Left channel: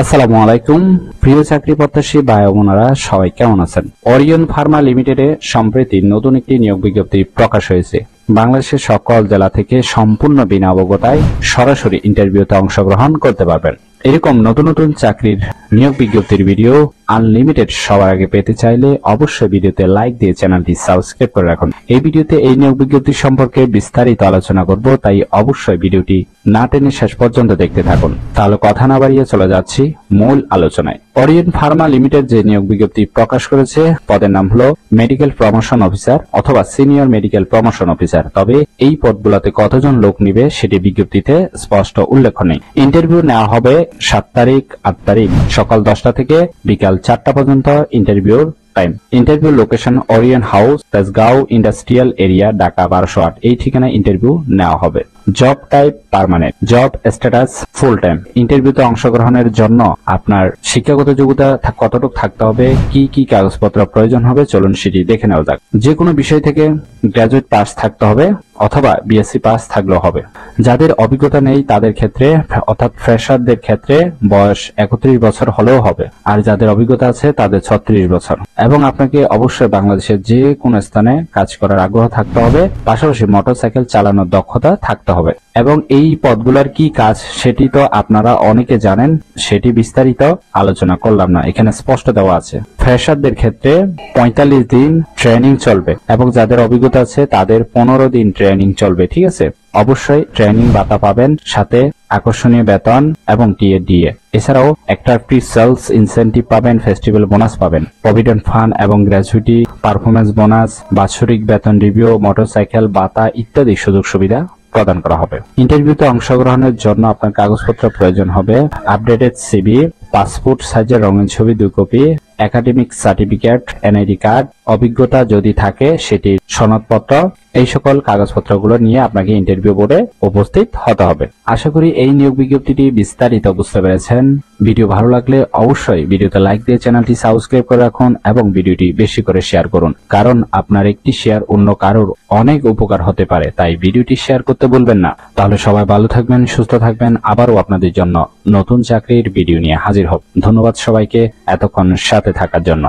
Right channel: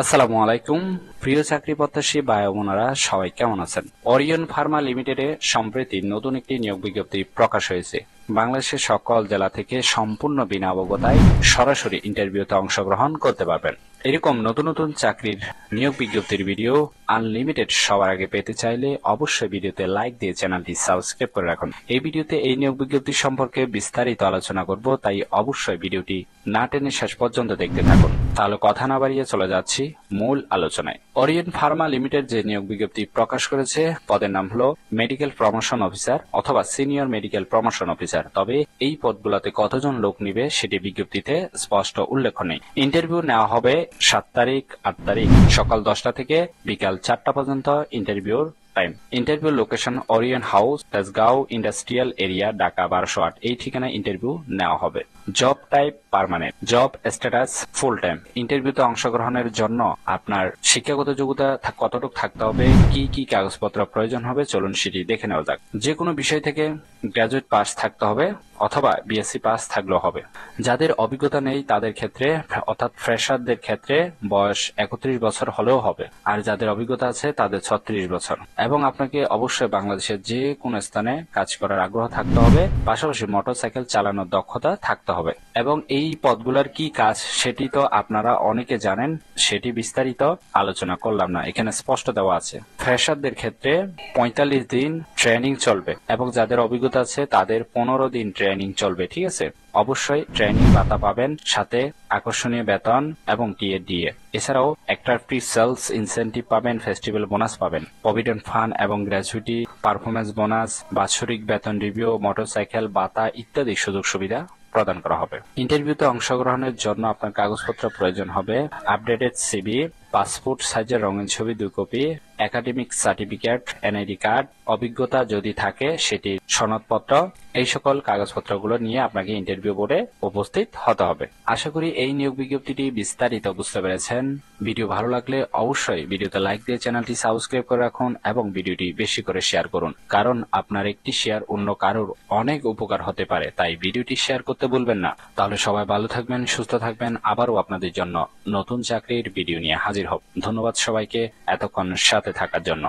আসসালামু আলাইকুম প্রিয় চাকরি প্রত্যাশী ভাই বোনেরা, সবাই কেমন আছেন? ওরিয়ন ফার্মা লিমিটেডে সম্প্রতি নতুন একটি নিয়োগ বিজ্ঞপ্তি প্রকাশ হয়েছে। বাংলাদেশের সকল জেলা থেকে সম্পূর্ণ বিনা অবগতায় সরাসরি ইন্টারভিউতে অংশগ্রহণ করতে পারবেন। এরকম নতুন নতুন চাকরির নিয়োগ বিজ্ঞপ্তির ভিডিও আনলিমিটেড সবার আগে পেতে চাইলে অবশ্যই ভিডিওতে লাইক দিয়ে চ্যানেলটি সাবস্ক্রাইব করে রাখুন। এই ভিডিওতে এই নিয়োগ বিজ্ঞপ্তি সম্পর্কে বিস্তারিত আলোচনা করব, তাই অবশ্যই ভিডিওটি না টেনে শেষ পর্যন্ত দেখতে থাকুন। তাহলে কথা না বাড়িয়ে চলে যাচ্ছি মূল আলোচনায়। ওরিয়ন ফার্মা লিমিটেড যে নিয়োগ বিজ্ঞপ্তি প্রকাশ করেছে, পদের নাম হলো মেডিকেল প্রমোশন অফিসার অথবা সিনিয়র মেডিকেল প্রমোশন অফিসার। তবে এই পদগুলোতে কতজন লোক নিবে সেটি বিজ্ঞপ্তিতে স্পষ্ট উল্লেখ নেই। ইন্টারভিউ নেওয়া হবে 7 তারিখ, 8 তারিখ সকাল 10টা থেকে বিকাল 4টা পর্যন্ত ইন্টারভিউর time. Interview location Orion house, Tejgaon industrial area, Dhaka 1208। এই ঠিকানায় ইন্টারভিউ নেওয়া হবে। Job type permanent, job status full time. ইন্টারভিউতে অংশগ্রহণের জন্য আপনার শিক্ষাগত যোগ্যতা কতটুকু থাকতে হবে, কি কি কাগজপত্র প্রয়োজন হবে, চলুন সেটি দেখে নেওয়া যাক। যে কোনো বিষয় থেকে গ্রাজুয়েট পাস থাকতে হবে অথবা বিএসসি পাস থাকলেও হবে। যাদের অভিজ্ঞতা নেই তাদের ক্ষেত্রে অর্থাৎ ফ্রেশারদের ক্ষেত্রে বয়স 31 বছর হলেও হবে, আর যাদের অভিজ্ঞতা আছে তাদের 36 বছর। এবং আপনাকে অবশ্যই বাংলাদেশের যে কোনো স্থানে কাজ করার আগ্রহ থাকতে হবে, পাশাপাশি মোটরসাইকেল চালানোর দক্ষতা থাকতে হবে। এবং এই পদগুলোর কি কাজ সেটি তো আপনারা অনেকে জানেন, সেটি বিস্তারিত আলোচনা করলাম না, এখানে স্পষ্ট দেওয়া আছে। ফ্রেশারদের ক্ষেত্রে 45 দিন ট্রেনিং চলবে এবং যাদের অভিজ্ঞতা আছে তাদের 15 দিন ট্রেনিং চলবে। ঠিক আছে, অবশ্যই ট্রেনিং ভাতা পাবেন, সাথে আকর্ষণীয় বেতন এবং টিএডিএ। এছাড়াও একটা ফ্রি সেলস ইনসেন্টিভ পাবেন, ফেস্টিভ্যাল বোনাস পাবেন, প্রভিডেন্ট ফান্ড এবং গ্র্যাচুইটি, পারফরমেন্স বোনাস, বাৎসরিক বেতন রিভিউ, মোটরসাইকেল ভাতা ইত্যাদি সুযোগ সুবিধা প্রদান করা হবে। ইন্টারভিউতে অংশগ্রহণের জন্য আপনার কাগজপত্র প্রয়োজন হবে আপডেটেড সিভি, পাসপোর্ট সাইজের রঙিন ছবি 2 copy, academic certificate, NID card, অভিজ্ঞতা যদি থাকে সেটির সনদপত্র। এই সকল কাগজপত্রগুলো নিয়ে আপনাকে ইন্টারভিউ বোর্ডে উপস্থিত হতে হবে। আশা করি এই নিয়োগ বিজ্ঞপ্তিটি বিস্তারিত বুঝতে পেরেছেন। ভিডিও ভালো লাগলে অবশ্যই ভিডিওতে লাইক দিয়ে চ্যানেলটি সাবস্ক্রাইব করে রাখুন এবং ভিডিওটি বেশি করে শেয়ার করুন, কারণ আপনার একটি শেয়ার অন্য কারোর অনেক উপকার হতে পারে, তাই ভিডিওটি শেয়ার করতে ভুলবেন না। তাহলে সবাই ভালো থাকবেন, সুস্থ থাকবেন। আবারও আপনাদের জন্য নতুন চাকরির ভিডিও নিয়ে হাজির হব। ধন্যবাদ সবাইকে এতক্ষণ সাথে থাকার জন্য।